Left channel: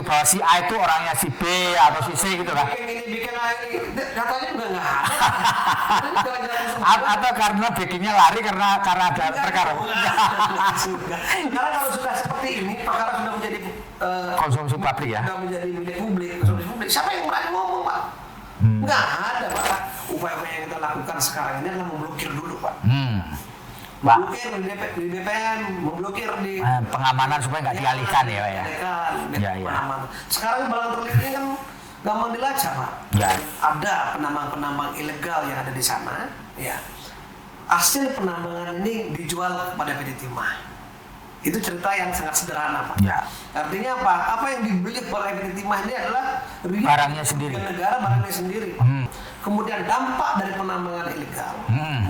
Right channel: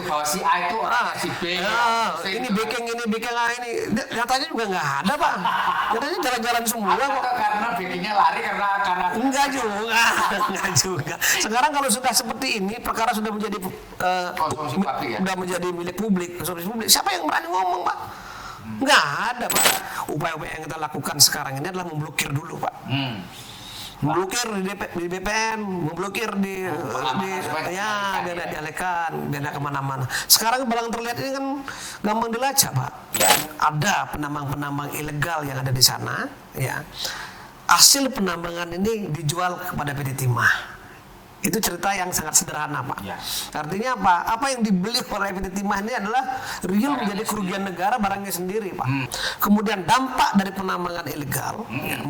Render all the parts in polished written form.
itu bahwa si A itu orangnya si B atau si C ini gitu kan. backing A ini katanya juga nggak ada kan. Katanya jalan-jalan semua. Atau karena backingnya lari karena ada Enggak juga. Sekarang kalau sudah seperti ini, perkara sudah menjadi konsumsi publik ya. Sudah menjadi milik publik, konsumsi publik. Siapa yang berani ngomong, Pak? Enggak ada, Pak. Upaya-upaya yang kita lakukan sekarang ini adalah memblokir dulu, Pak. Memblokir di BPN, memblokir di pengamanan supaya nggak dialihkan ya. Tidak kemana-mana. Sekarang belakang terlihat ini kan gampang dilacak, Pak. Ada penambang-penambang ilegal yang ada di sana, ya. Hasil penambangan ini dijual kepada PT Timah. Itu cerita yang sangat sederhana, Pak. Ya. Artinya apa? Apa yang dibeli oleh PT Timah ini adalah kerugian negara, barangnya sendiri, Pak. Kemudian dampak dari penambangan ilegal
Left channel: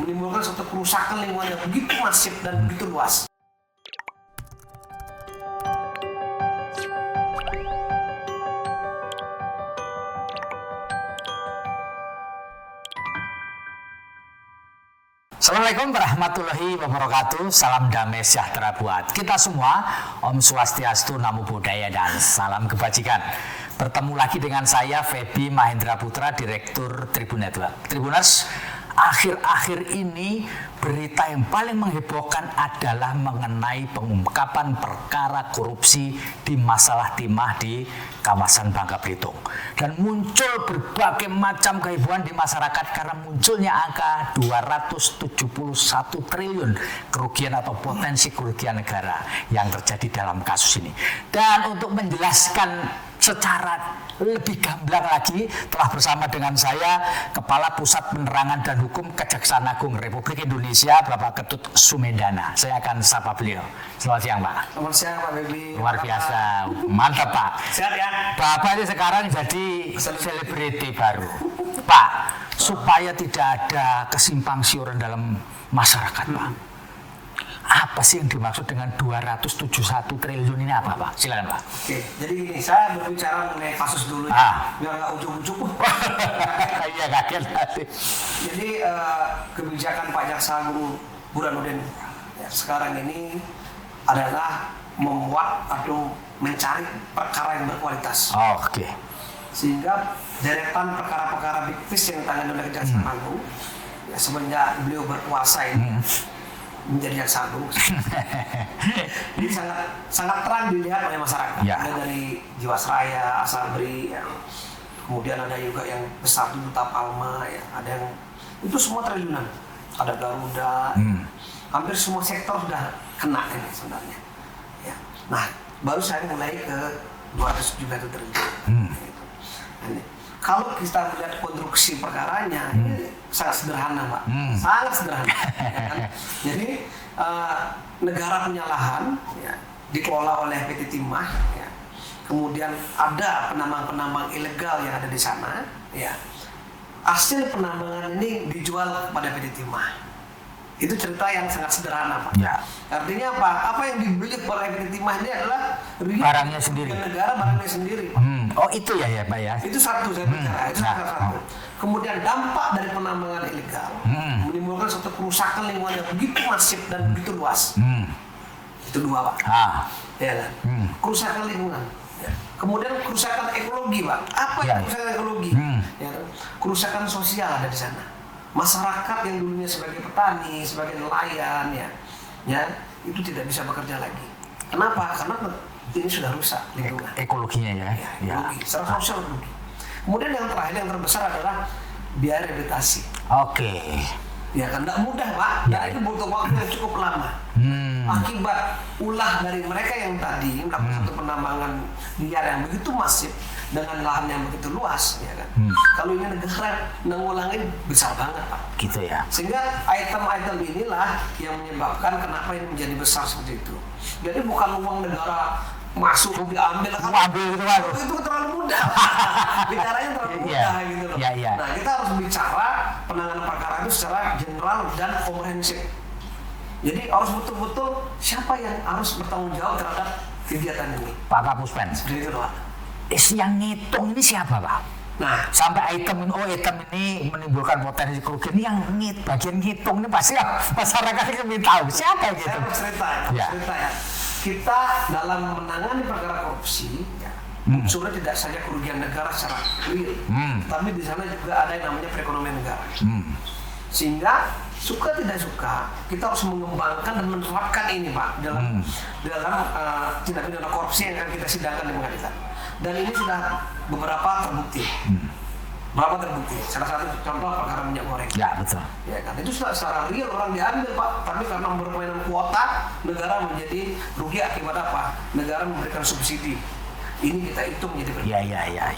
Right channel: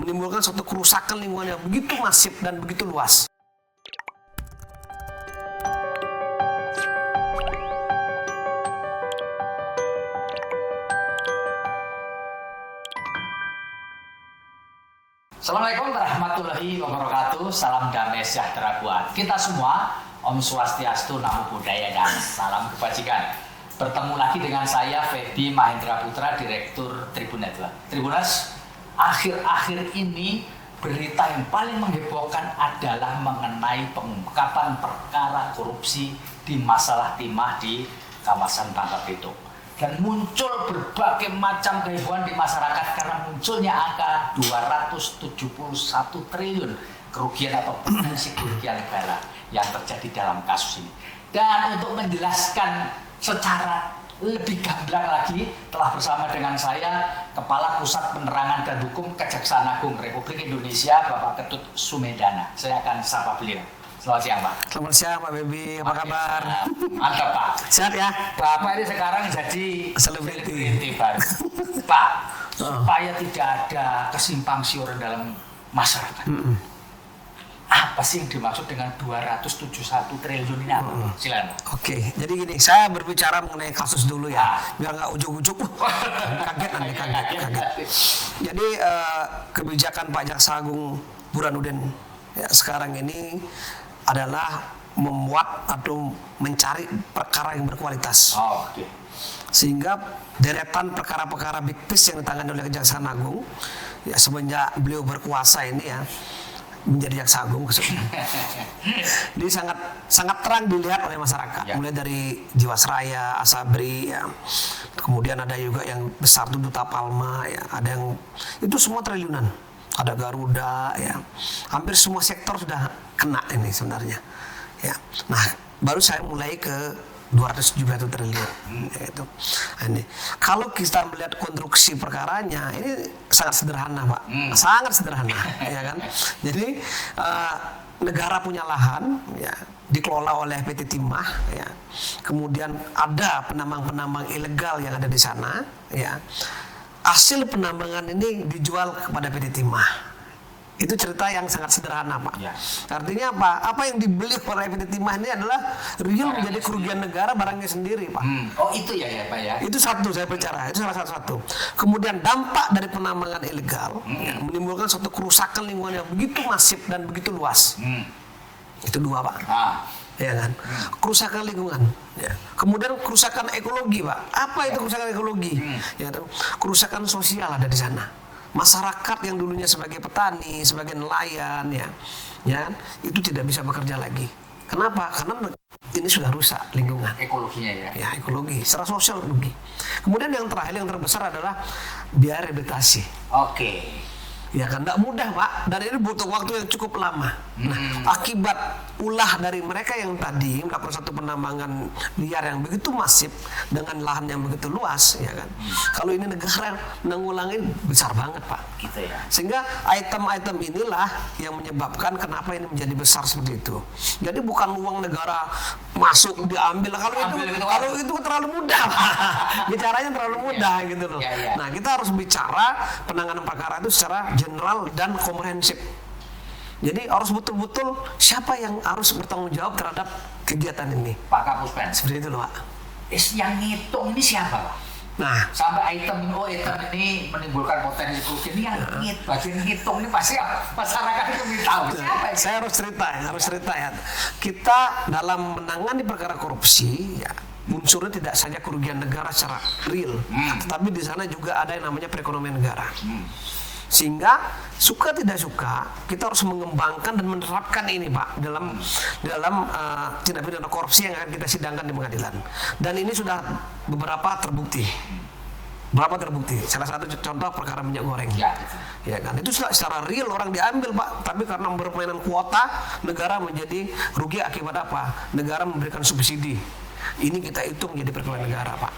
menimbulkan suatu kerusakan lingkungan yang begitu masif dan begitu luas. Assalamualaikum warahmatullahi wabarakatuh. Salam damai sejahtera buat kita semua. Om Swastiastu, Namo Buddhaya, dan salam kebajikan. Bertemu lagi dengan saya Feby Mahendra Putra, Direktur Tribun Network. Tribuners, akhir-akhir ini berita yang paling menghebohkan adalah mengenai pengungkapan perkara korupsi di masalah timah di kawasan Bangka Belitung. Dan muncul berbagai macam kehebohan di masyarakat karena munculnya angka 271 triliun kerugian atau potensi kerugian negara yang terjadi dalam kasus ini. Dan untuk menjelaskan secara lebih gamblang lagi, telah bersama dengan saya Kepala Pusat Penerangan dan Hukum Kejaksaan Agung Republik Indonesia, Bapak Ketut Sumendana. Saya akan sapa beliau. Selamat siang, Pak. Selamat siang, Pak Feby. Luar biasa. Mantap, Pak. Sehat ya? Bapak ini sekarang jadi selebriti baru. Pak, supaya tidak ada kesimpang siuran dalam masyarakat, Pak. Apa sih yang dimaksud dengan 271 triliun ini apa, Pak? Silakan, Pak. Oke, jadi gini, saya berbicara mengenai kasus dulu ya, biar nggak ujuk-ujuk. Jadi kebijakan Pak Jaksa Agung Burhanuddin ya, sekarang ini adalah membuat atau mencari perkara yang berkualitas. Oh, oke. Sehingga deretan perkara-perkara big fish yang ditangani oleh Kejaksaan Agung ya semenjak beliau berkuasa ini ya menjadi Jaksa Agung. Jadi sangat terang dilihat oleh masyarakat. Ya. Mulai dari Jiwasraya, Asabri, ya. Kemudian ada juga yang besar itu Duta Palma, ya. Ada yang itu semua triliunan. Ada Garuda, ya. Hampir semua sektor sudah kena ini sebenarnya. Ya. Nah, baru saya mulai ke 271 triliun. Itu. Ini. Kalau kita melihat konstruksi perkaranya, ini sangat sederhana, Pak. Sangat sederhana, ya kan? Jadi negara punya lahan, ya, dikelola oleh PT Timah, ya. Kemudian ada penambang-penambang ilegal yang ada di sana, ya. Hasil penambangan ini dijual kepada PT Timah. Itu cerita yang sangat sederhana, Pak. Ya. Artinya apa? Apa yang dibeli oleh PT Timah ini adalah kerugian negara, barangnya sendiri, Pak. Oh, itu ya, Pak ya. Itu satu saya bicara, itu salah satu. Kemudian dampak dari penambangan ilegal menimbulkan suatu kerusakan lingkungan yang begitu masif dan begitu luas. Itu dua, Pak. Ya kan? Kerusakan lingkungan. Ya. Kemudian kerusakan ekologi, Pak. Apa itu kerusakan ekologi? Ya, kerusakan sosial ada di sana. Masyarakat yang dulunya sebagai petani, sebagai nelayan, ya, itu tidak bisa bekerja lagi. Kenapa? Karena ini sudah rusak lingkungan. Ekologinya ya. Ya, ekologi, secara sosial rugi. Kemudian yang terakhir, yang terbesar adalah biaya rehabilitasi. Oke. Ya kan, tidak mudah, Pak. Dan ini butuh waktu yang cukup lama. Akibat ulah dari mereka yang tadi melakukan satu penambangan liar yang begitu masif dengan lahan yang begitu luas, ya kan. Kalau ini negara mengulangi besar banget, Pak. Gitu ya. Sehingga item-item inilah yang menyebabkan kenapa ini menjadi besar seperti itu. Jadi bukan uang negara masuk diambil, kalau itu terlalu mudah, Pak. Bicaranya terlalu mudah gitu loh. Nah, kita harus bicara penanganan perkara itu secara general dan komprehensif. Jadi harus betul-betul siapa yang harus bertanggung jawab terhadap kegiatan ini. Pak Kapuspen. Seperti itu, Pak. Yang ngitung ini siapa, Pak? Nah, sampai item ini menimbulkan potensi kerugian ini yang bagian hitung ini pasti masyarakat ini ingin tahu siapa yang saya harus cerita ya. Kita dalam menangani perkara korupsi ya, Unsurnya tidak saja kerugian negara secara real, tetapi di sana juga ada yang namanya perekonomian negara. Sehingga suka tidak suka kita harus mengembangkan dan menerapkan ini Pak dalam tindak pidana korupsi yang akan kita sidangkan di pengadilan. Dan ini sudah beberapa terbukti. Berapa terbukti? Salah satu contoh perkara minyak goreng. Ya, betul. Ya kan, itu secara real orang diambil Pak, tapi karena bermainan kuota, negara menjadi rugi akibat apa? Negara memberikan subsidi. Ini kita hitung jadi perbandingan. Ya.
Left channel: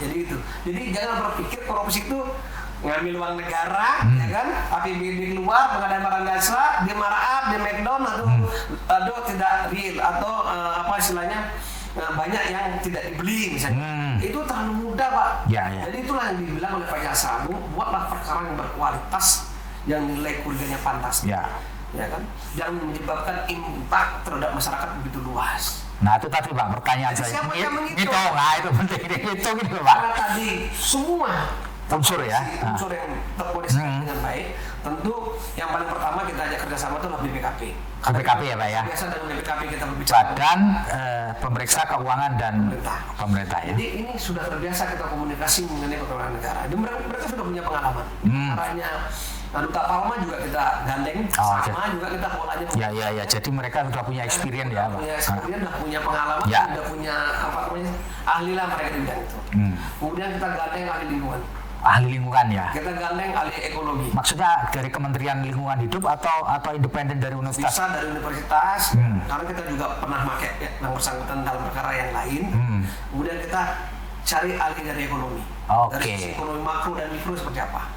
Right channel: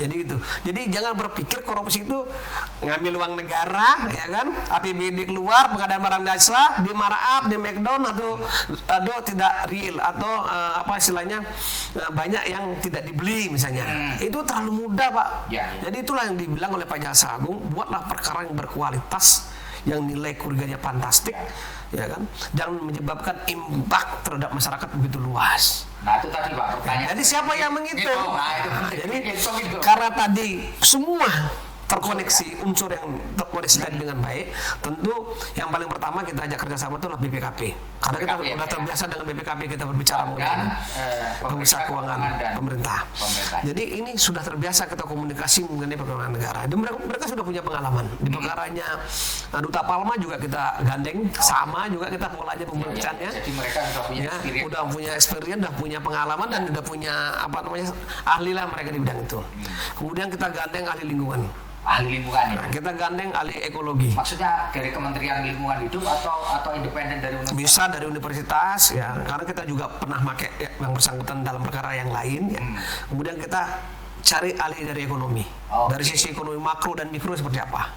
Jadi itu. Jadi jangan berpikir korupsi itu ngambil uang negara, ya kan? APBD keluar, pengadaan barang jasa, di markup, di McDonald atau tidak real atau apa istilahnya banyak yang tidak dibeli misalnya. Itu terlalu mudah Pak. Ya. Jadi itulah yang dibilang oleh Pak Jaksa Agung, buatlah perkara yang berkualitas, yang nilai kerugiannya fantastis. Ya kan? Dan menyebabkan impact terhadap masyarakat begitu luas. Nah itu tadi Pak pertanyaan. Jadi siapa yang menghitung? Nah itu penting. Ini gitu. Karena tadi semua terkoneksi ya? unsur yang terkoneksikan dengan baik. Tentu yang paling pertama kita ajak kerjasama itu adalah BPKP. Karena BPKP kita ya Pak ya. biasa dalam BPKP kita berbicara Badan Pemeriksa Keuangan dan Pemerintah. Ya. Jadi ini sudah terbiasa kita komunikasi mengenai pekerjaan negara. Dan mereka sudah punya pengalaman. Di perkaranya Duta Palma juga kita gandeng, sama juga kita polanya Ya. Jadi mereka sudah punya experience sudah punya experience, sudah punya pengalaman, dan sudah punya apa namanya ahli lah mereka di bidang itu. Kemudian kita gandeng ahli lingkungan. Ahli lingkungan ya. Kita gandeng ahli ekologi. Maksudnya dari Kementerian Lingkungan Hidup atau independen dari universitas? Bisa dari universitas ya. Karena kita juga pernah pakai yang bersangkutan dalam perkara yang lain. Ya. Kemudian kita cari ahli dari ekonomi. Dari sisi ekonomi makro dan mikro seperti apa.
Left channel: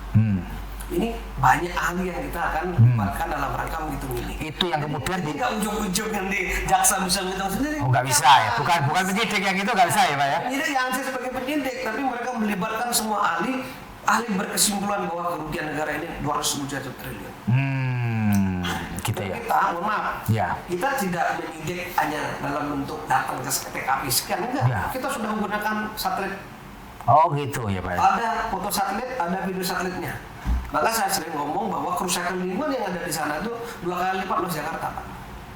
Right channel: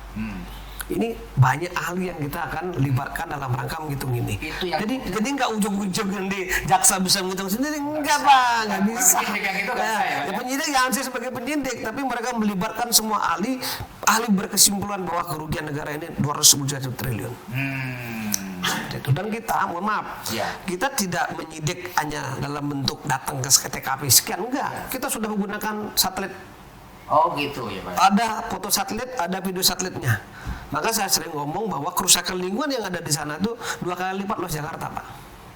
Ini banyak ahli yang kita akan libatkan dalam rangka menghitung ini. Itu yang jadi nggak ujung-ujung yang di jaksa bisa menghitung sendiri. Nggak bisa ya. Bukan penyidik yang itu nggak bisa ya Pak ya. Penyidik yang saya sebagai penyidik, tapi mereka melibatkan semua ahli berkesimpulan bahwa kerugian negara ini 270 triliun. Dan kita, mohon maaf, kita tidak menyidik hanya dalam bentuk datang ke TKP sekian, enggak. Kita sudah menggunakan satelit. Oh gitu ya Pak. Ada foto satelit, ada video satelitnya. Maka saya sering ngomong bahwa kerusakan lingkungan yang ada di sana itu 2 kali lipat luas Jakarta, Pak.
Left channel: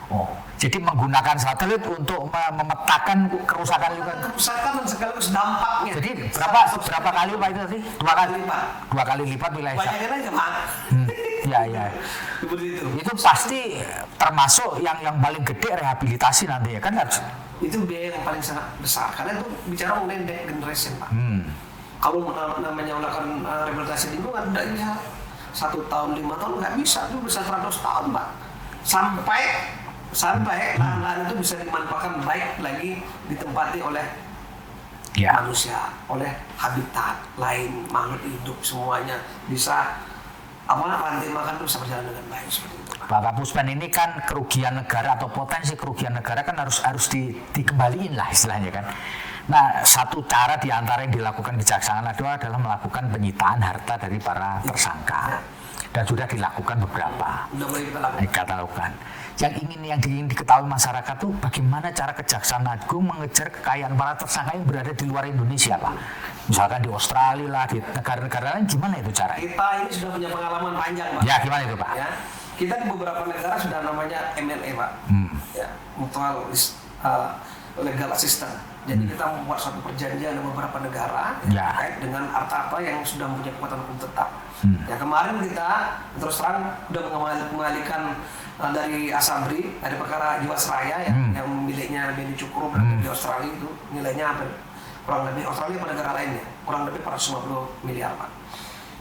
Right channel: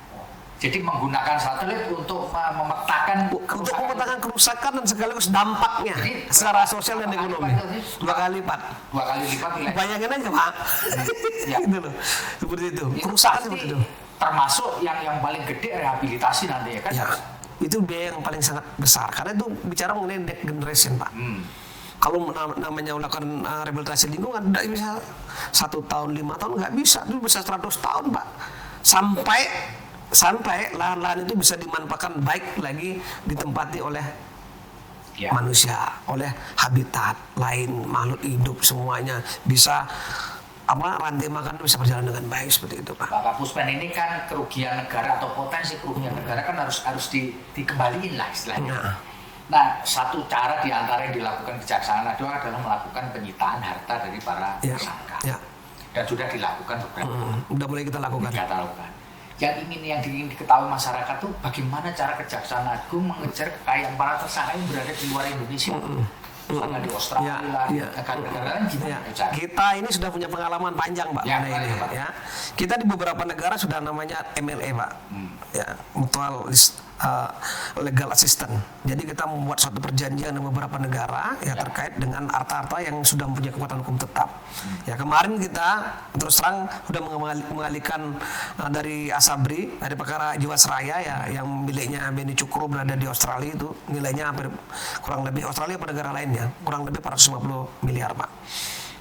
Oh, jadi menggunakan satelit untuk memetakan kerusakan dan sekaligus dampaknya. Jadi secara sosial berapa kali Pak itu? 2 kali lipat. 2 kali lipat wilayah. Bayangin aja Pak. Ya. Seperti itu. Itu pasti termasuk yang paling gede rehabilitasi nanti ya kan harus. Itu biaya yang paling sangat besar karena itu bicara mengenai next generation Pak. Kalau namanya melakukan rehabilitasi lingkungan tidak bisa 1 tahun 5 tahun nggak bisa, itu bisa 100 tahun Pak. Sampai lahan-lahan itu bisa dimanfaatkan baik lagi ditempati oleh manusia, oleh habitat lain, makhluk hidup semuanya bisa rantai makan itu bisa berjalan dengan baik seperti itu Pak. Bapak Puspen, ini kan kerugian negara atau potensi kerugian negara kan harus dikembaliin lah istilahnya kan. Nah, satu cara di antara yang dilakukan kejaksaan adalah melakukan penyitaan harta dari para tersangka. Dan sudah dilakukan beberapa. Sudah mulai kita lakukan. Yang ingin diketahui masyarakat tuh bagaimana cara Kejaksaan Agung mengejar kekayaan para tersangka yang berada di luar Indonesia, Pak. Misalkan di Australia lah, di negara-negara lain gimana itu cara? Kita ini sudah punya pengalaman panjang, Pak. Ya, gimana itu, Pak? Ya. Kita di beberapa negara sudah namanya MLA, Pak. Ya, mutual legal assistance. Jadi kita membuat suatu perjanjian dengan beberapa negara terkait dengan harta-harta yang sudah mempunyai kekuatan hukum tetap. Ya, kemarin kita terus terang sudah mengalihkan dari Asabri, dari perkara Jiwasraya yang miliknya Beni Cukro berada di Australia, itu nilainya kurang lebih Australia pada negara lain ya, kurang lebih 450 miliar Pak.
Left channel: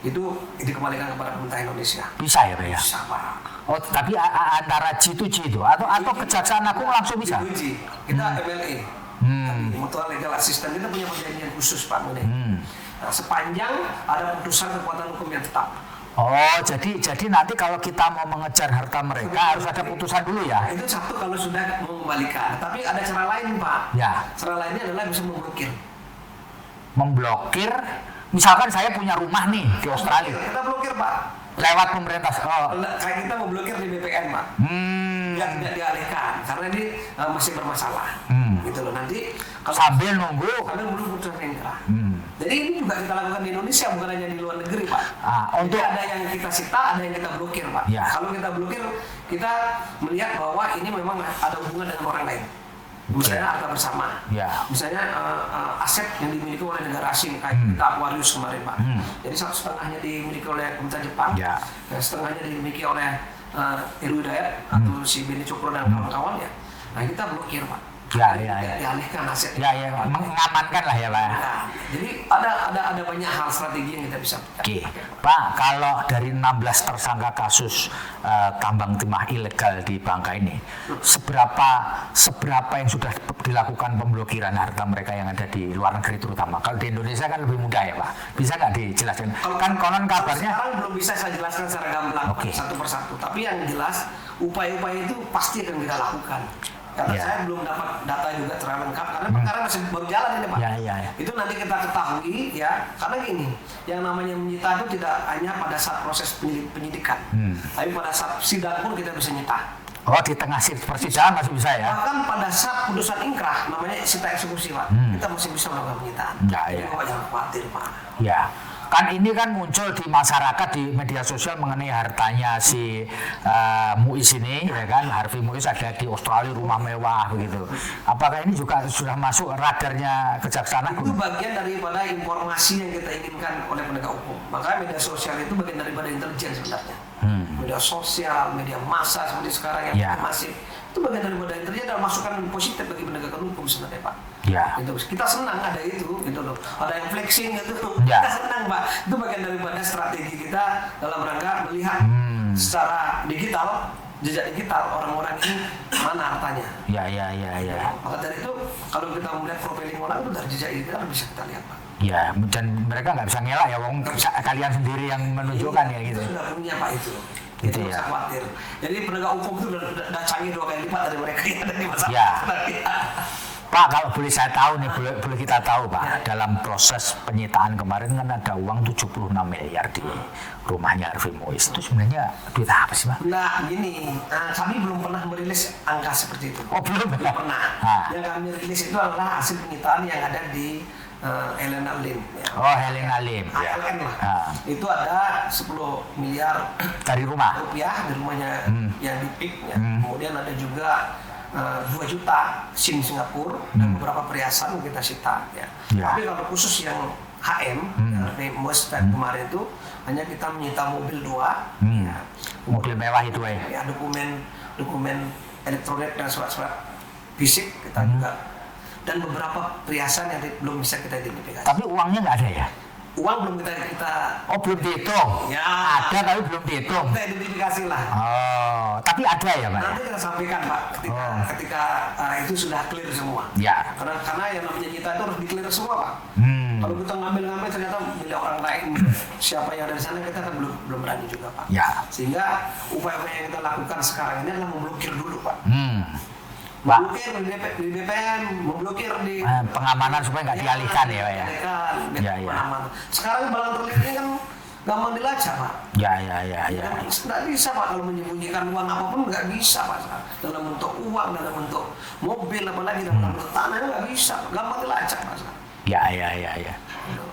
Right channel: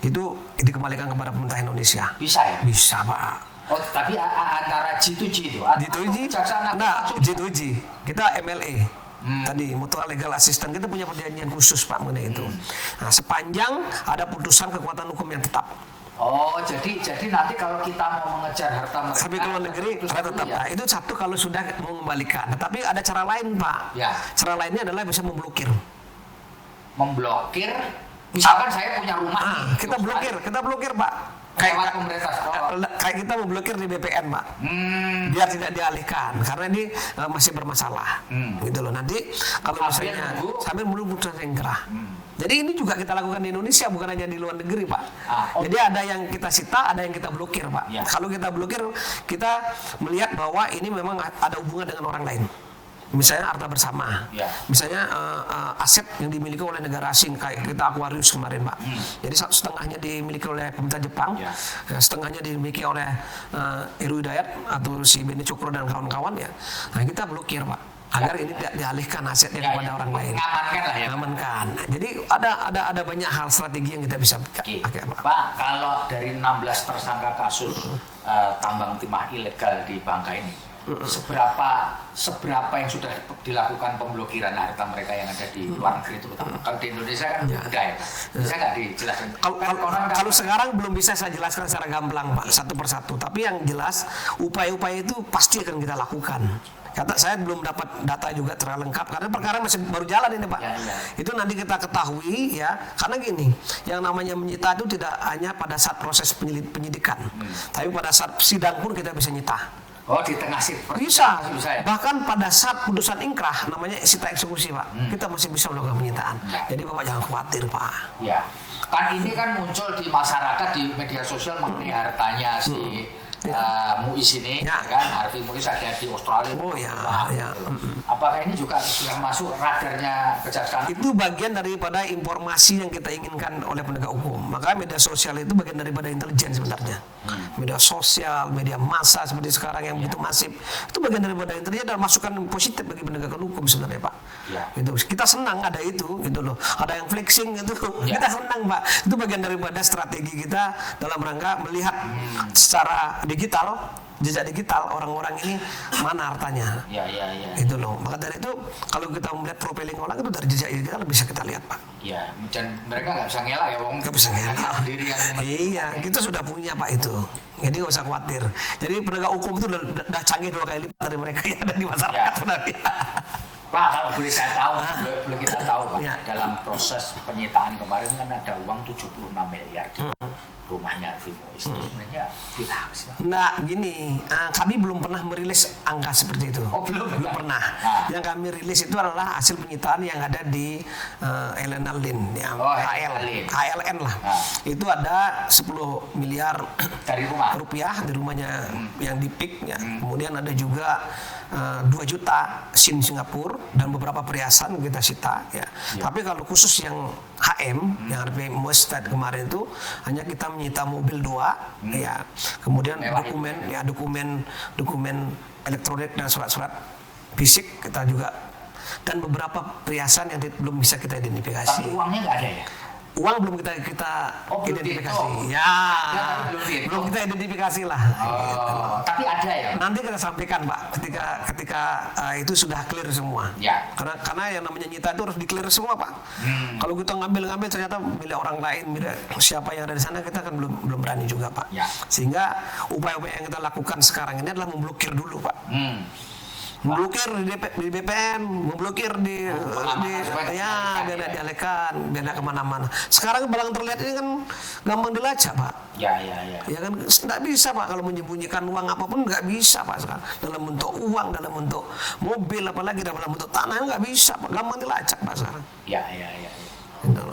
Itu dikembalikan kepada pemerintah Indonesia. Bisa ya Pak? Bisa Pak. Oh, tapi antara G2G itu atau Kejaksaan Agung langsung bisa? G2G, kita MLA. Tadi mutual legal assistance, kita punya perjanjian khusus Pak mengenai itu. Nah, sepanjang ada putusan kekuatan hukum yang tetap. Oh, jadi nanti kalau kita mau mengejar harta mereka harus ada putusan dulu ya? Itu satu kalau sudah mengembalikan. Tapi ada cara lain Pak. Ya. Cara lainnya adalah bisa memblokir. Memblokir? Misalkan saya punya rumah nih di Australia. Kita blokir Pak. Lewat pemerintah. Kayak kita memblokir di BPN Pak. Biar tidak dialihkan karena ini masih bermasalah. Gitu loh, nanti kalau sambil menunggu putusan ingkrah. Jadi ini juga kita lakukan di Indonesia, bukan hanya di luar negeri Pak. Jadi ada yang kita sita, ada yang kita blokir Pak. Kalau kita blokir, kita melihat bahwa ini memang ada hubungan dengan orang lain. Misalnya harta bersama, Ya. misalnya aset yang dimiliki oleh negara asing kayak kita Aquarius kemarin Pak. Jadi 1/2-nya dimiliki oleh pemerintah Jepang, Ya. setengahnya dimiliki oleh Heru Hidayat atau si Beni Cokro dan kawan-kawan ya. Nah kita blokir Pak. Ya, Agar ya, tidak ya. dialihkan asetnya Ya, kepada ya, orang lain. mengamankan lah ya Pak. Amankan. Jadi ada banyak hal strategi yang kita bisa Oke, pakai, Pak. Pak, kalau dari 16 tersangka kasus tambang timah ilegal di Bangka ini, seberapa yang sudah dilakukan pemblokiran harta mereka yang ada di luar negeri terutama? Kalau di Indonesia kan lebih mudah ya Pak. Bisa nggak dijelaskan? Kalau Kan koran kalau kabarnya sekarang belum bisa saya jelaskan secara gamblang Pak, satu persatu. Tapi yang jelas upaya-upaya itu pasti akan kita lakukan. Kata Ya. saya belum dapat data juga terlalu lengkap karena perkara masih baru jalan ini Pak. Ya, ya. Itu nanti kita ketahui ya. Karena gini, yang namanya menyita itu tidak hanya pada saat proses penyidikan, tapi pada saat sidang pun kita bisa nyita. oh di tengah persidangan masih bisa ya? Bahkan pada saat putusan ingkrah namanya sita eksekusi Pak, kita masih bisa melakukan penyitaan. Ya, Jadi ya. Bapak jangan khawatir Pak. Ya, kan ini kan muncul di masyarakat di media sosial mengenai hartanya si Muiz ini, ya kan? Harvey Muiz ada di Australia rumah iya, mewah iya. gitu. Apakah ini juga sudah masuk radarnya kejaksaan? Itu bagian daripada informasi yang kita inginkan oleh penegak hukum. Maka media sosial itu bagian daripada intelijen sebenarnya. Media sosial, media massa seperti sekarang yang Ya. begitu masif, itu bagian daripada intelijen dan masukan positif bagi penegakan hukum sebenarnya Pak. Ya. Itu kita senang ada itu, gitu loh. Ada yang flexing itu, Ya. kita senang Pak. Itu bagian daripada strategi kita dalam rangka melihat secara digital, jejak digital orang-orang ini mana hartanya. Ya, ya, ya, Gitu ya. loh. Maka dari itu kalau kita melihat profiling orang itu dari jejak digital bisa kita lihat Pak. Ya, dan mereka nggak bisa ngelak ya, wong Nggak bisa kalian ngelak. sendiri yang menentukan. Iya, ya, kita gitu. sudah punya Pak itu. Itu nggak usah khawatir. Jadi penegak hukum itu udah canggih 2 kali lipat dari mereka yang ada di masyarakat. Ya. Tadi. Pak, kalau boleh saya tahu nih, boleh kita tahu Pak, Ya. dalam proses penyitaan kemarin kan ada uang 76 miliar di rumahnya Harvey Muiz. Itu sebenarnya duit apa sih Pak? Nah, gini, kami belum pernah merilis angka seperti itu. Oh, belum pernah. Ah. Yang kami rilis itu adalah hasil penyitaan yang ada di Helena Lim. Ya, Oh, Helena Lim. ALN lah. Ah. Itu ada 10 miliar Dari rumah? rupiah di rumahnya yang di PIK. Ya. Kemudian ada juga 2 juta SIM Singapura dan beberapa perhiasan kita sita. Ya. Ya. Tapi kalau khusus yang HM yang Harvey Muiz kemarin itu hanya kita menyita mobil 2, ya. Kemudian Mobil mewah itu, dokumen elektronik dan surat-surat fisik kita juga dan beberapa perhiasan yang belum bisa kita identifikasi. Tapi uangnya nggak ada ya? Uang belum kita Oh, belum identifikasi. dihitung. Ya, Ada tapi belum dihitung. Belum kita identifikasi lah. Oh, tapi ada ya Pak? Nanti kita sampaikan Pak ketika itu sudah clear semua. Ya. Karena yang namanya nyita itu harus di-clear semua Pak. Kalau kita ngambil ternyata milik orang lain, siapa yang ada di sana kita kan belum berani juga Pak. Ya. Sehingga upaya-upaya yang kita lakukan sekarang ini adalah memblokir dulu Pak. Pak, Memblokir di BPN, memblokir di pengamanan supaya nggak dialihkan ya, ya. dialihkan, beda Ya, ya. kemana-mana. Sekarang barang terlihat ini kan gampang dilacak Pak. ya, ya, ya, Ya ya. kan nggak bisa Pak kalau menyembunyikan uang apapun nggak bisa Pak sekarang. Dalam bentuk uang, dalam bentuk mobil, apalagi dalam bentuk tanah nggak bisa Pak. Gampang dilacak Pak sekarang. Ya, ya, ya, ya.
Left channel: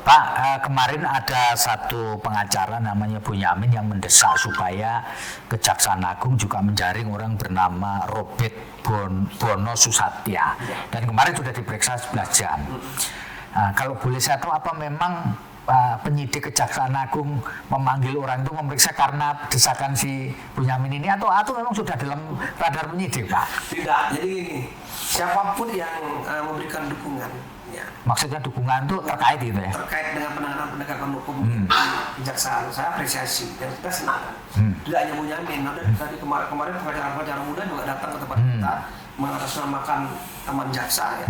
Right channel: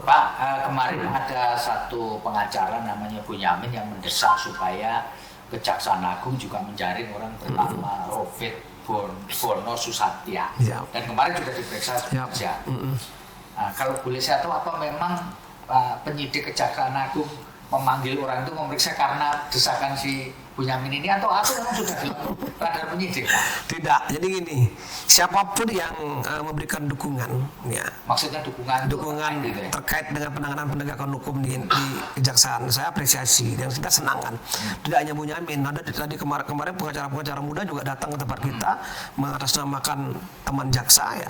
Pak, kemarin ada satu pengacara namanya Bunyamin yang mendesak supaya Kejaksaan Agung juga menjaring orang bernama Robert Bono Susatya. Dan kemarin sudah diperiksa 11 jam. Nah, kalau boleh saya tahu apa memang penyidik Kejaksaan Agung memanggil orang itu memeriksa karena desakan si Bunyamin ini atau memang sudah dalam radar penyidik Pak? Tidak. Jadi gini, siapapun yang memberikan dukungan, ya Maksudnya dukungan itu terkait gitu ya? terkait dengan penanganan penegakan hukum di kejaksaan, saya apresiasi dan kita senang kan. Tidak hanya Bunyamin, ada tadi kemarin pengacara-pengacara muda juga datang ke tempat kita mengatasnamakan taman jaksa ya.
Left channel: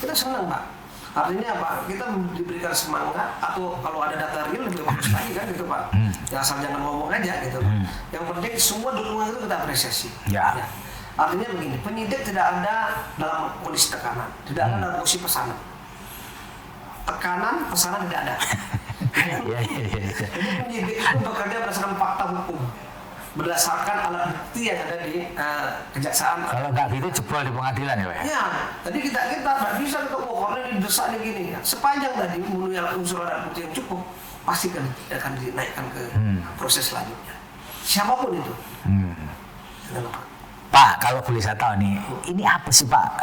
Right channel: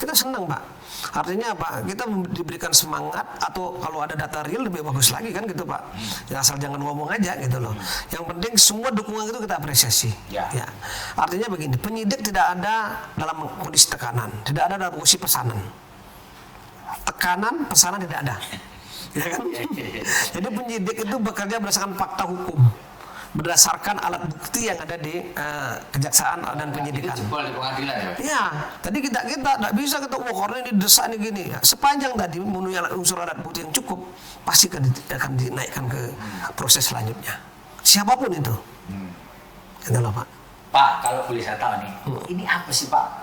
Kita senang Pak. Artinya apa? Kita diberikan semangat atau kalau ada data real lebih bagus lagi kan gitu Pak. Ya asal jangan ngomong aja gitu loh. Yang penting semua dukungan itu kita apresiasi. Ya. Artinya begini, penyidik tidak ada dalam kondisi tekanan, tidak ada dalam kondisi pesanan. Tekanan, pesanan tidak ada. Iya, iya, iya. Jadi penyidik itu bekerja berdasarkan fakta hukum, berdasarkan alat bukti yang ada di kejaksaan Kalau ada nggak gitu penyidikan. jebol di pengadilan ya Pak? Ya, tadi kita nggak bisa ketemu karena ini desak ini gini. Ya. Sepanjang tadi memenuhi unsur alat bukti yang cukup, pasti akan dinaikkan ke proses selanjutnya. Siapapun itu. Gitu loh Pak. Pak, kalau boleh saya tahu nih, ini apa sih Pak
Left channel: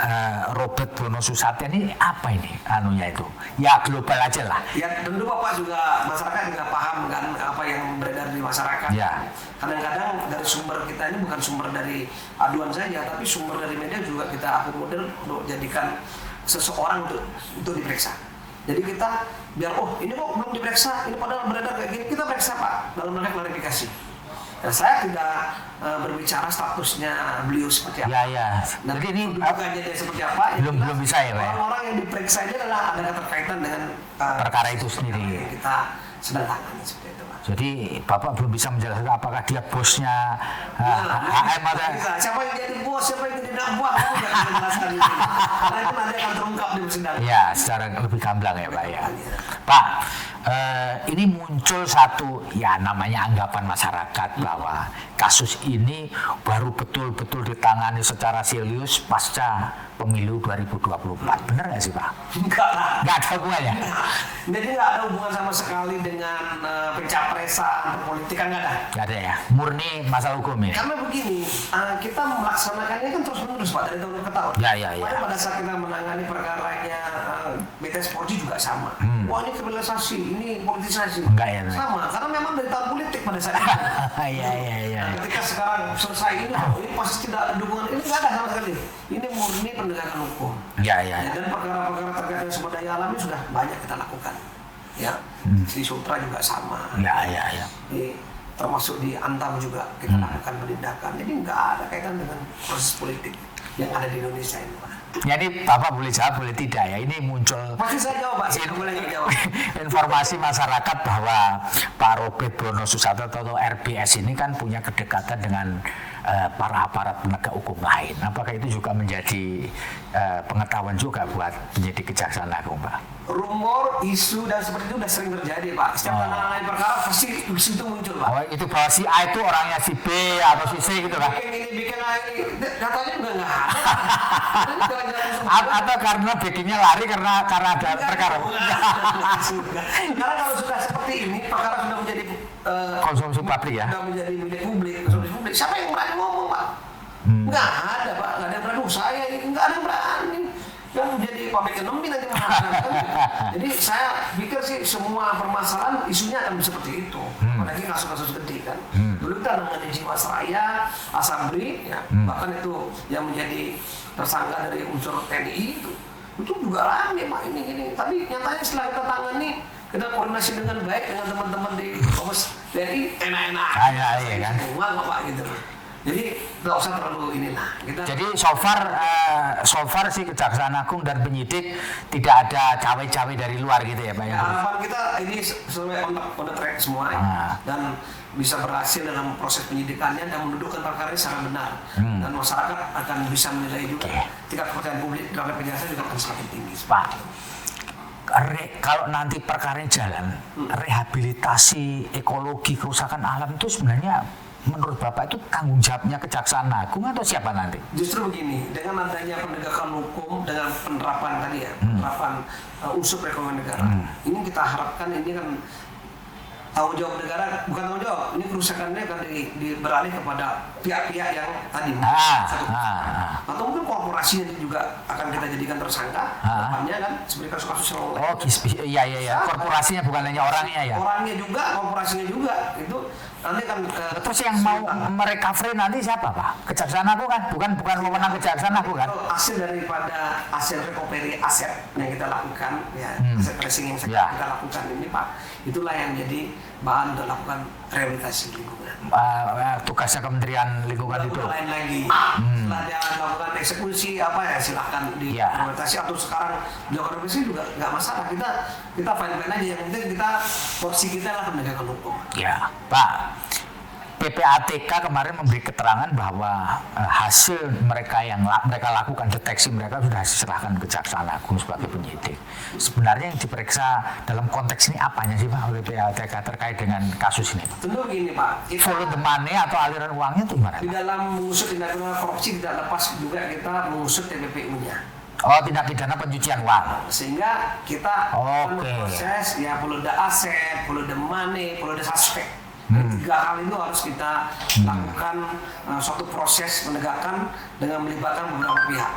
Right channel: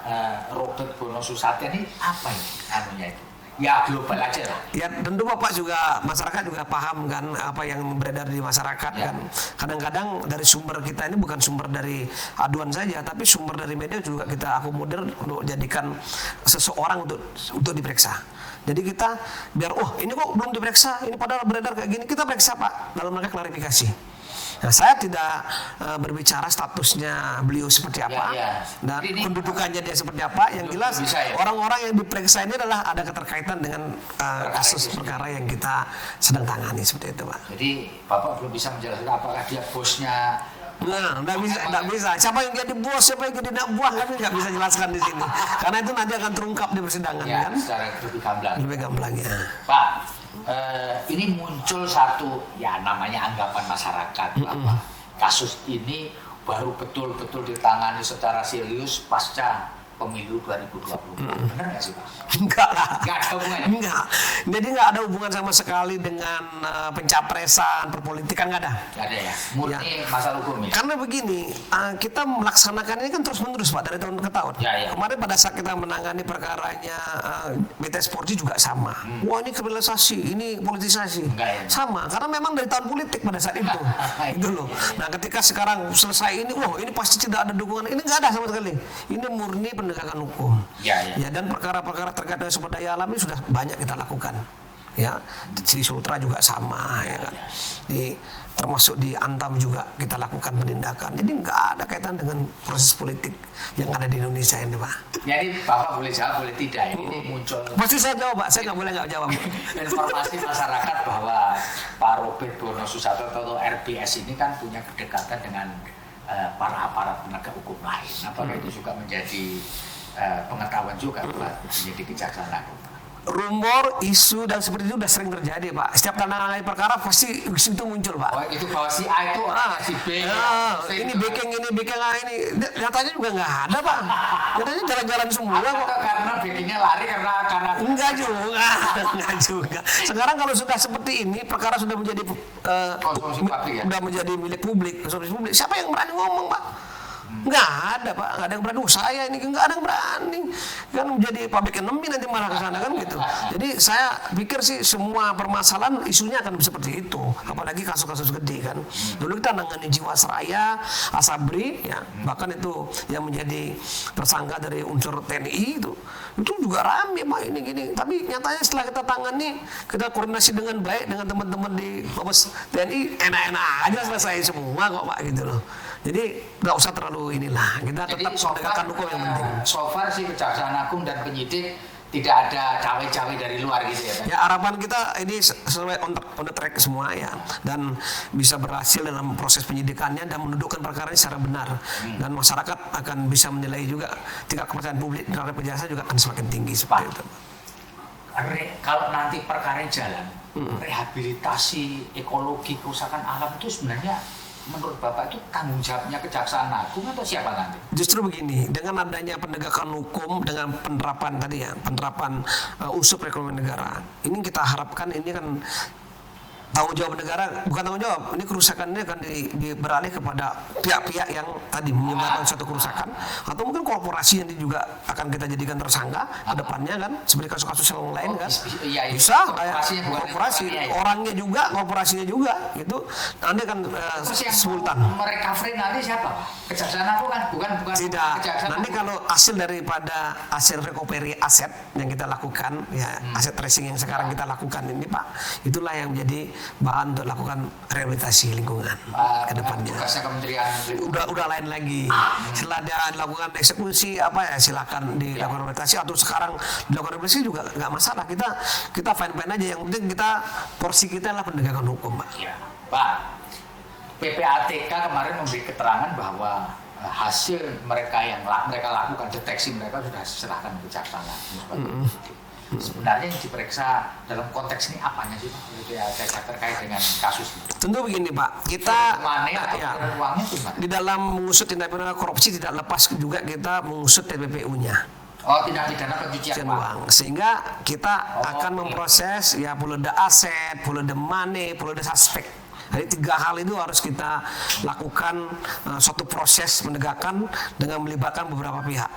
Robert Bono Susatyo ini apa ini anunya itu? Ya global aja lah. Ya tentu Bapak juga, masyarakat juga paham kan apa yang beredar di masyarakat Ya. kan. Kadang-kadang dari sumber kita ini bukan sumber dari aduan saja, tapi sumber dari media juga kita akomodir untuk jadikan seseorang untuk diperiksa. Jadi kita biar ini kok belum diperiksa, ini padahal beredar kayak gini, kita periksa Pak dalam rangka klarifikasi. Nah, saya tidak berbicara statusnya beliau seperti apa, Ya. dan Jadi ini kedudukannya dia seperti apa. Yang belum jelas bisa ya, Pak? orang-orang yang diperiksa ini adalah ada keterkaitan dengan Perkara itu kasus perkara sendiri. yang kita sedang tangani seperti itu, Pak. Jadi Bapak belum bisa menjelaskan apakah dia bosnya Nggak bisa. Siapa yang jadi bos, siapa yang jadi anak buah, itu nggak bisa jelaskan di sini. Karena itu nanti akan terungkap di persidangan. Ya, secara lebih gamblang ya Lebih Pak. Ya. gamblang, ya. Pak, ini muncul satu ya namanya anggapan masyarakat bahwa kasus ini baru betul-betul ditangani secara serius pasca pemilu 2024. Benar nggak sih Pak? Enggak lah. Nggak ada hubungannya? Enggak. Jadi nggak ada hubungan sama sekali dengan pencapresan, perpolitikan, nggak ada. Nggak ada ya? Murni masalah hukum ya? Karena begini, kita melaksanakan ini kan terus-menerus Pak, dari tahun ke tahun. Ya. Kemarin pada saat kita menangani perkaranya BTS Polri juga sama. Wah ini kriminalisasi, ini politisasi. Enggak ya? Sama, karena memang dari tahun politik pada saat itu. Iya, Gitu loh. iya. Nah ketika sekarang selesai ini kok, ini pasti tidak ada dukungan. Ini nggak ada sama sekali. Ini murni penegakan hukum. Ya. Dan perkara-perkara terkait dengan sumber daya alam ini sudah banyak kita lakukan. Ya, di Sri Sutra juga sama. Ya. Termasuk di Antam juga kita lakukan penindakan. Jadi nggak ada kaitan dengan proses politik yang ada di Indonesia ini, Pak. Jadi Bapak boleh jawab, boleh tidak ya? Ini muncul Pasti saya jawab, Pak. Saya nggak boleh nggak jawab. informasi masyarakat bahwa Pak Robert Bono Susatyo atau RBS ini kan punya kedekatan dengan para aparat penegak hukum lain. Apakah itu juga menjadi pengetahuan juga buat penyidik Kejaksaan Agung, Pak? Rumor, isu dan seperti itu udah sering terjadi, Pak. Setiap tantangan perkara pasti isu itu muncul, Pak. Oh, itu bahwa si A itu orangnya si B atau si C Ini gitu, Pak? bikin A ini. Katanya juga nggak ada, Pak. Katanya jalan-jalan semua. Apa karena bikinnya lari karena ada Enggak perkara? juga. Enggak juga. Sekarang kalau sudah seperti ini, perkara sudah menjadi Konsumsi publik ya? sudah menjadi milik publik, konsumsi publik. Siapa yang berani ngomong, Pak? Nggak ada, Pak. Nggak ada yang berani. Saya ini nggak ada yang berani. Yang menjadi public enemy nanti malah kan gitu. Jadi saya pikir sih semua permasalahan isunya akan seperti itu. Apalagi kasus-kasus gede kan. Dulu kita nangani Jiwasraya, Asabri, ya, bahkan itu yang menjadi tersangka dari unsur TNI itu juga rame Pak ini gini. Tapi nyatanya setelah kita tangani, kita koordinasi dengan baik dengan teman-teman di Mabes TNI, enak-enak aja selesai semua kok Pak gitu loh. Jadi nggak usah terlalu inilah. Jadi so far sih Kejaksaan Agung dan penyidik tidak ada cawe-cawe dari luar gitu ya Pak? Ya harapan kita ini sesuai on the track semua ya, dan bisa berhasil dalam proses penyidikannya dan mendudukkan perkara ini secara benar, dan masyarakat akan bisa menilai juga tingkat kepercayaan publik terhadap kejaksaan juga akan semakin tinggi seperti itu. Kalau nanti perkara jalan, rehabilitasi ekologi kerusakan alam itu sebenarnya menurut Bapak itu tanggung jawabnya Kejaksaan Agung atau siapa nanti? Justru begini, dengan adanya penegakan hukum, dengan penerapan tadi ya, penerapan unsur perekonomian negara, ini kita harapkan ini kan tanggung jawab negara, bukan tanggung jawab, ini kerusakannya akan beralih kepada pihak-pihak yang tadi menggunakan suatu kerusakan, atau mungkin korporasi yang juga akan kita jadikan tersangka ke depannya kan, seperti kasus-kasus yang lain kan. Iya, Bisa, korporasinya bukan hanya orangnya ya. Orangnya juga, korporasinya juga, itu nanti kan Terus yang mau merecovery nanti siapa Pak? Kejaksaan Agung kan? Bukan wewenang Kejaksaan nanti Agung kan? kalau hasil daripada hasil recovery aset yang kita lakukan ya, aset tracing yang sekarang kita lakukan ini Pak, itulah yang jadi bahan untuk lakukan rehabilitasi lingkungan. Tugasnya Kementerian Lingkungan Udah lain lagi. Setelah dia lakukan eksekusi apa ya, silakan di rehabilitasi, atau sekarang dilakukan rehabilitasi juga nggak masalah. Kita fine aja, yang penting kita porsi kita lah penegakan hukum Pak. Ya, Pak. PPATK kemarin memberi keterangan bahwa hasil mereka lakukan, deteksi mereka sudah diserahkan ke Kejaksaan Agung sebagai penyidik. Sebenarnya yang diperiksa dalam konteks ini apanya sih Pak oleh PPATK terkait dengan kasus ini? Tentu begini Pak, kita money atau aliran uangnya itu gimana? di dalam mengusut tindak pidana korupsi tidak lepas juga kita mengusut TPPU-nya. Oh, tindak pidana pencucian uang. Sehingga kita akan memproses ya polda aset, polda money, polda suspek. Jadi 3 hal itu harus kita lakukan suatu proses penegakan dengan melibatkan beberapa pihak.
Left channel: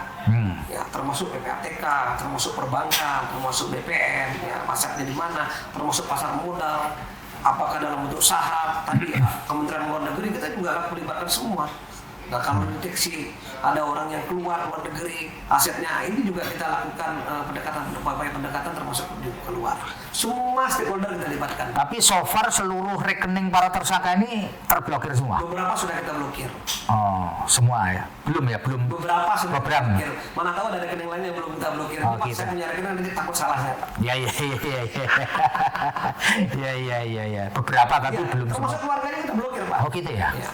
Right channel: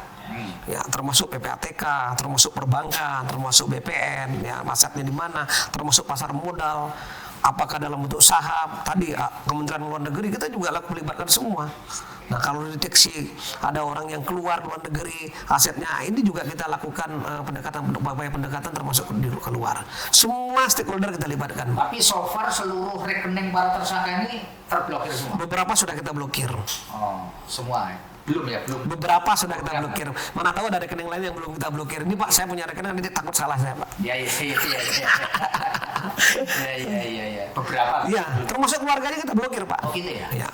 Ya, termasuk PPATK, termasuk perbankan, termasuk BPN, ya, masaknya di mana, termasuk pasar modal, apakah dalam bentuk saham, tadi ya, Kementerian Luar Negeri kita juga akan melibatkan semua. Nah, kalau deteksi ada orang yang keluar luar negeri asetnya, ini juga kita lakukan upaya pendekatan termasuk keluar. Semua stakeholder kita libatkan. Tapi so far seluruh rekening para tersangka ini terblokir semua. Beberapa sudah kita blokir. Oh, semua ya? Belum ya, belum. Beberapa sudah kita blokir. Mana tahu ada rekening lain yang belum kita blokir. Ini Pak, saya punya rekening, nanti takut salah saya, Pak. Ya. Ya. Beberapa kan belum. Termasuk keluarganya kita blokir, Pak. Oh gitu ya? Ya.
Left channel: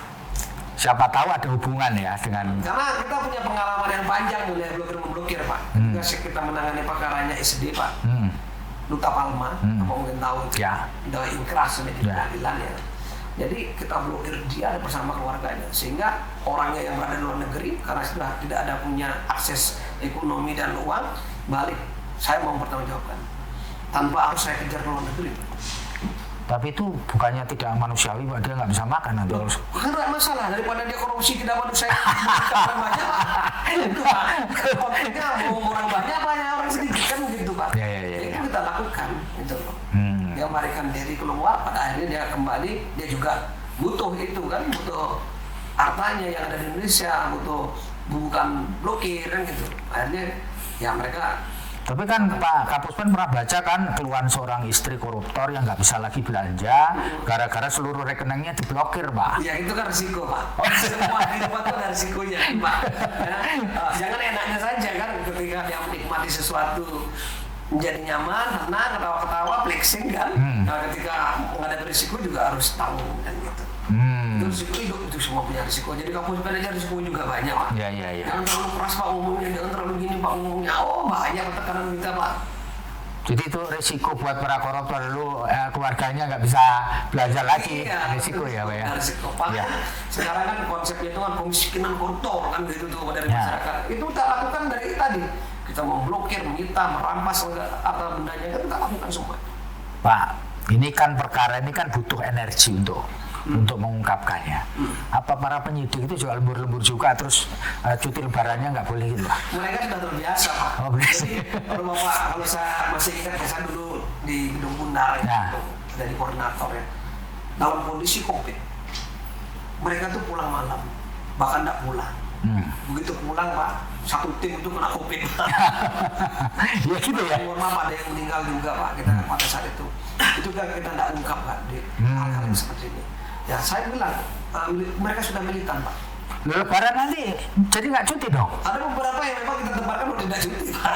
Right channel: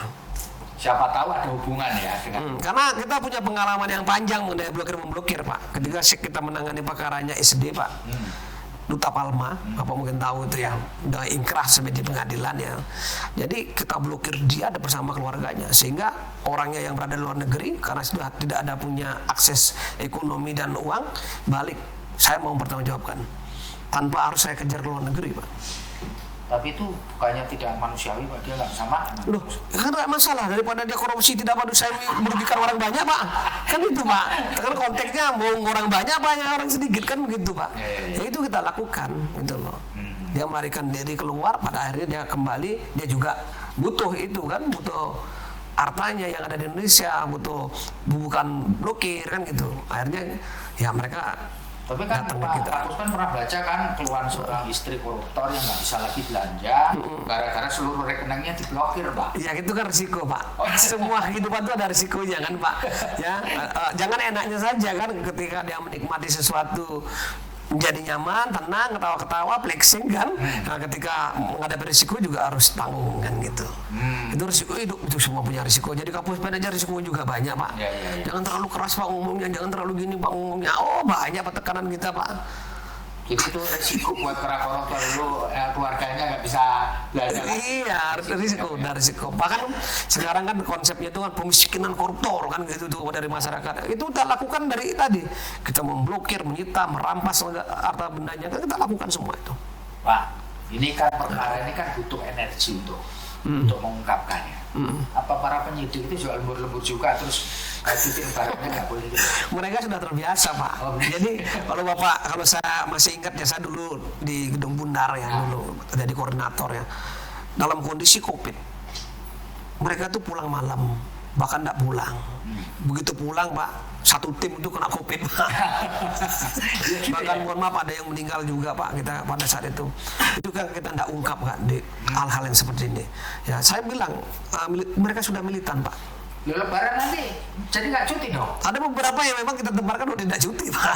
Siapa tahu ada hubungan ya dengan. Karena kita punya pengalaman yang panjang mengenai blokir-memblokir, Pak. Ketika kita menangani perkaranya SD, Pak. Duta Palma, apa mungkin tahu itu ya, udah inkrah sudah di pengadilan ya. Jadi kita blokir dia bersama keluarganya, sehingga orangnya yang berada di luar negeri karena sudah tidak ada punya akses ekonomi dan uang, balik. Saya mau bertanggungjawabkan tanpa harus saya kejar ke luar negeri, Pak. Tapi itu bukannya tidak manusiawi, Pak, dia nggak bisa makan atau Enggak masalah, daripada dia korupsi tidak manusiawi merugikan orang banyak, Pak. Kan itu, Pak. Kalau konfliknya mau orang banyak orang sedikit kan begitu, Pak. Ya. Jadi itu kita lakukan gitu loh. Dia melarikan diri keluar, pada akhirnya dia kembali, dia juga butuh itu kan, butuh hartanya yang ada di Indonesia, bukan blokir kan gitu. Akhirnya ya mereka. Tapi kan Pak Kapuspen pernah baca kan keluhan seorang istri koruptor yang nggak bisa lagi belanja gara-gara seluruh rekeningnya diblokir, Pak. Ya itu kan risiko, Pak. Semua kehidupan itu ada risikonya kan, Pak. Ya, jangan enaknya saja kan ketika dia menikmati sesuatu menjadi nyaman, tenang, ketawa-ketawa, flexing kan. Nah, ketika menghadapi risiko juga harus tanggung kan gitu. Itu risiko hidup, itu semua punya risiko. Jadi Kapuspen aja risiko juga banyak, Pak. Ya. Jangan terlalu keras, Pak, ngomongnya, jangan terlalu gini, Pak, ngomongnya. Oh, banyak tekanan kita, Pak. Jadi itu resiko buat para koruptor dulu, keluarganya nggak bisa belanja lagi. Iya, risiko. Bahkan sekarang kan konsepnya itu kan pemiskinan koruptor kan gitu tuh dari masyarakat. Itu kita lakukan dari tadi. Kita memblokir, menyita, merampas harta bendanya, kan kita lakukan semua itu. Pak, ini kan perkara ini kan butuh energi untuk mengungkapkannya. Apa para penyidik itu jual lembur-lembur juga terus cuti lebarannya nggak boleh gitu? Mereka sudah terbiasa, Pak. Jadi kalau saya masih ingat ya, saya dulu di Gedung Bundar ya, dulu jadi koordinator ya. Dalam kondisi COVID, mereka tuh pulang malam, bahkan nggak pulang. Begitu pulang, Pak, satu tim itu kena COVID. Ya, gitu ya. Mohon maaf, ada yang meninggal juga, Pak, kita pada saat itu. Itu kan kita tidak ungkap, Pak, di hal-hal yang seperti ini. Ya, saya bilang mereka sudah militan, Pak. Lebaran nanti jadi nggak cuti dong? Ada beberapa yang memang kita tebarkan udah tidak cuti, Pak.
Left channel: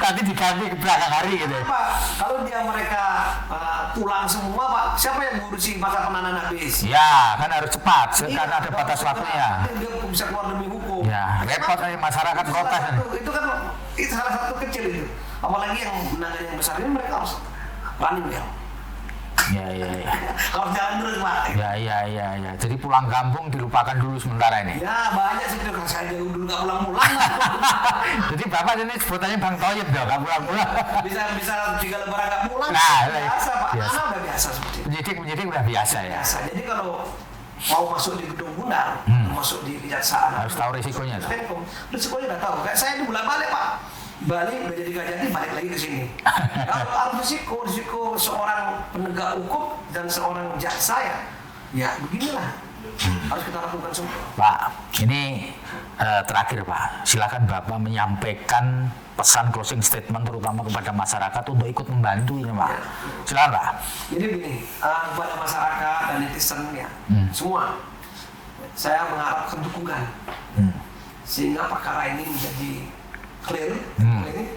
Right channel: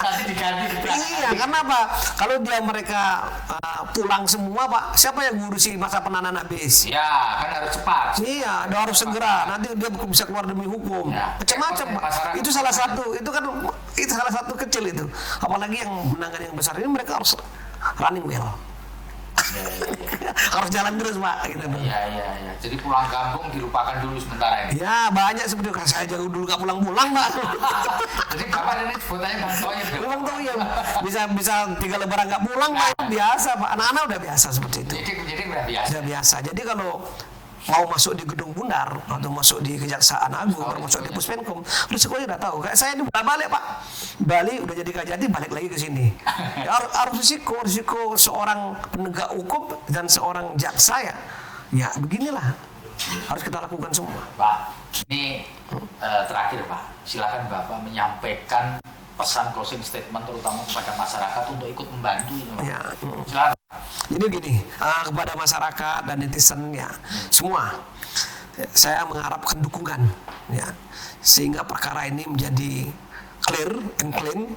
Tadi diganti ke belakang hari. Karena Pak, kalau mereka pulang semua, Pak, siapa yang ngurusi masa penahanan habis? Ya, kan harus cepat. Iya, harus segera. Nanti dia bisa keluar demi hukum. Ya, Macam-macam. masyarakat Itu salah satu. Itu salah satu kecil itu. Apalagi yang menangani yang besar ini mereka harus running well. Ya. Harus jalan terus, Pak. Ya. Jadi pulang kampung dilupakan dulu sementara ini. Ya, banyak sebenarnya. Kan saya jauh dulu nggak pulang-pulang, Pak. Jadi Bapak ini sebutannya Bang Toyib ya, Bang pulang. Bisa 3 lebaran nggak pulang, biasa, Pak. Anak-anak udah biasa seperti itu. Jadi udah biasa. Udah biasa. Jadi kalau mau masuk di Gedung Bundar atau masuk di kejaksaan harus tahu masuk di risikonya. Pusmenkom, risikonya udah tahu. Kayak saya itu bolak-balik, Pak. Bali udah jadi Kajati, balik lagi ke sini. Harus risiko seorang penegak hukum dan seorang jaksa ya. Ya beginilah. Harus kita lakukan semua. Pak, ini terakhir, Pak. Silakan Bapak menyampaikan pesan closing statement terutama kepada masyarakat untuk ikut membantu ini, Pak. Ya. Silakan, Pak. Jadi gini, kepada masyarakat dan netizen ya, semua saya mengharapkan dukungan ya, sehingga perkara ini menjadi clear,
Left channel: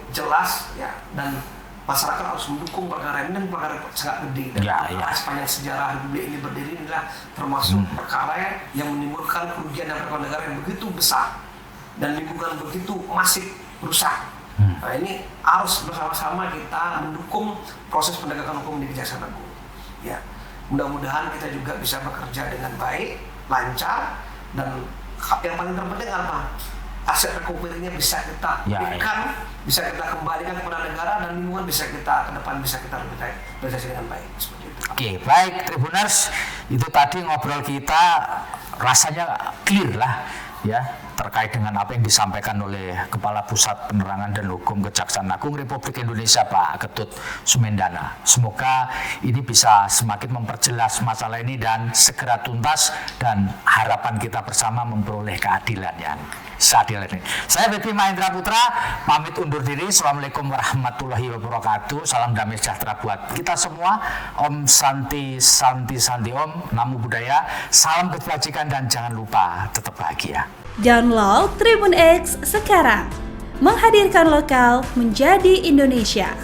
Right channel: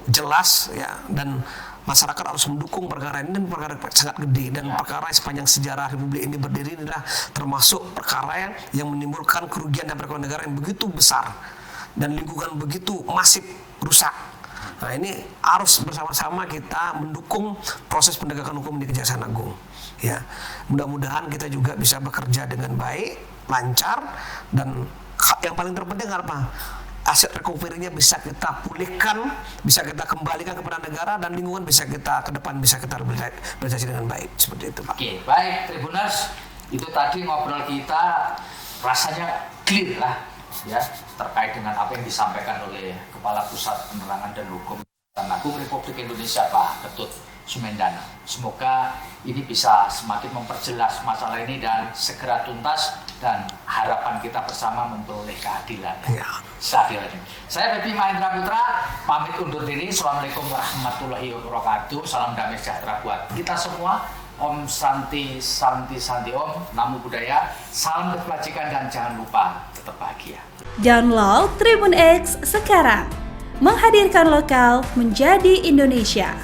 jelas ya, dan masyarakat harus mendukung perkara ini, dan perkara sangat gede dan perkara sepanjang sejarah Republik ini berdiri inilah termasuk perkara yang menimbulkan kerugian dan perekonomian negara yang begitu besar dan lingkungan begitu masif rusak. Nah, ini harus bersama-sama kita mendukung proses penegakan hukum di Kejaksaan Agung. Ya, mudah-mudahan kita juga bisa bekerja dengan baik, lancar, dan yang paling terpenting apa? aset recovery-nya bisa kita pulihkan, bisa kita kembalikan kepada negara, dan lingkungan bisa kita ke depan bisa kita realisasi dengan baik, seperti itu Pak. Oke, baik Tribuners, itu tadi ngobrol kita rasanya clear lah ya terkait dengan apa yang disampaikan oleh Kepala Pusat Penerangan dan Hukum Kejaksaan Agung Republik Indonesia Pak Ketut Sumendana. Semoga ini bisa semakin memperjelas masalah ini dan segera tuntas, dan harapan kita bersama memperoleh keadilan ya. Seadil ini. Saya Feby Mahendra Putra pamit undur diri. Assalamualaikum warahmatullahi wabarakatuh. Salam damai sejahtera buat kita semua. Om Santi Santi Santi Om. Namo Buddhaya. Salam kebajikan dan jangan lupa tetap bahagia. Download Tribun X sekarang. Menghadirkan lokal menjadi Indonesia.